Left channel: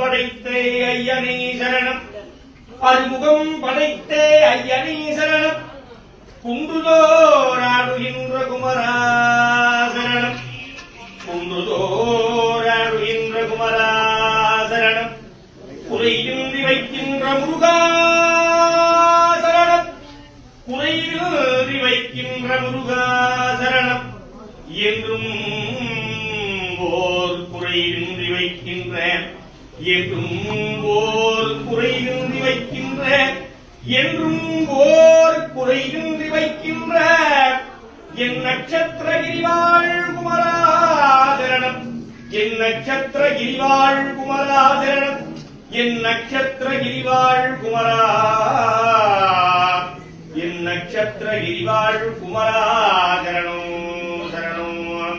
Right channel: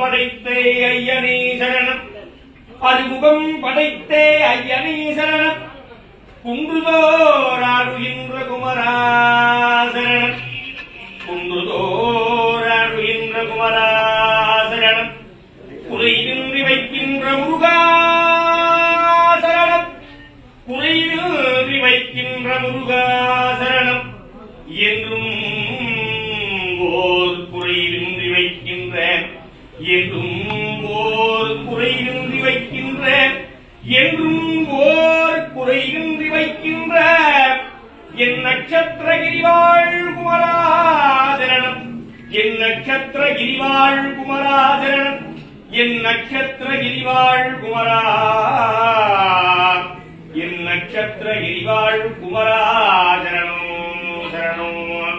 படைத்தே ஐயனே சரணம். அருமுகம் படைத்தே ஐயனே சரணம். குன்றுதோராடுகின்ற குமரா சரணம். குன்றுதோராடுகின்ற குமரா சரணம். குறைவின்றி வைக்கின்ற முருகா சரணம். குறைவின்றி வைக்கின்ற முருகா சரணம். என்றும் ஓர் குறைவின்றி வைக்கின்ற, என்றும் ஓர் குறைவின்றி வைக்கின்ற, என்றும் ஓர் குறைவின்றி வைக்கின்ற என் நட்சத்திர கிரிவாள் குமராசரணம். என் நட்சத்திர கிரிவாள் குமராசரணம். என் நட்சத்திர கிரிவாள் குமரா, என் நட்சத்திர கிரிவாள் குமராசரணம் சரணம்.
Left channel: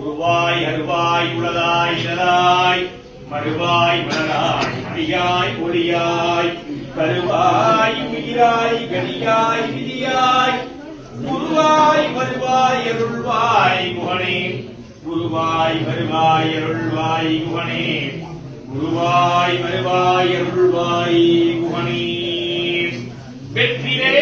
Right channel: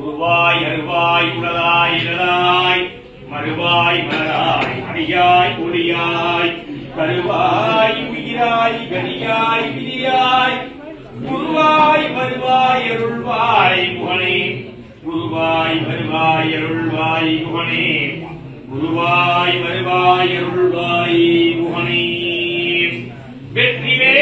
உருவாய் அருவாய் உளதாய் இளதாய் மறுவாய் மலராய் அடியாய் ஒளியாய் கருவாய் உயிராய் கனியாய் விதியாய் குருவாய் வருவாய் அருள்வாய் குகனே. குருவாய் வருவாய் அருள்வாய் குகனே. குருவாய் வருவாய் அருள்வாய் குகனே. வெற்றிவே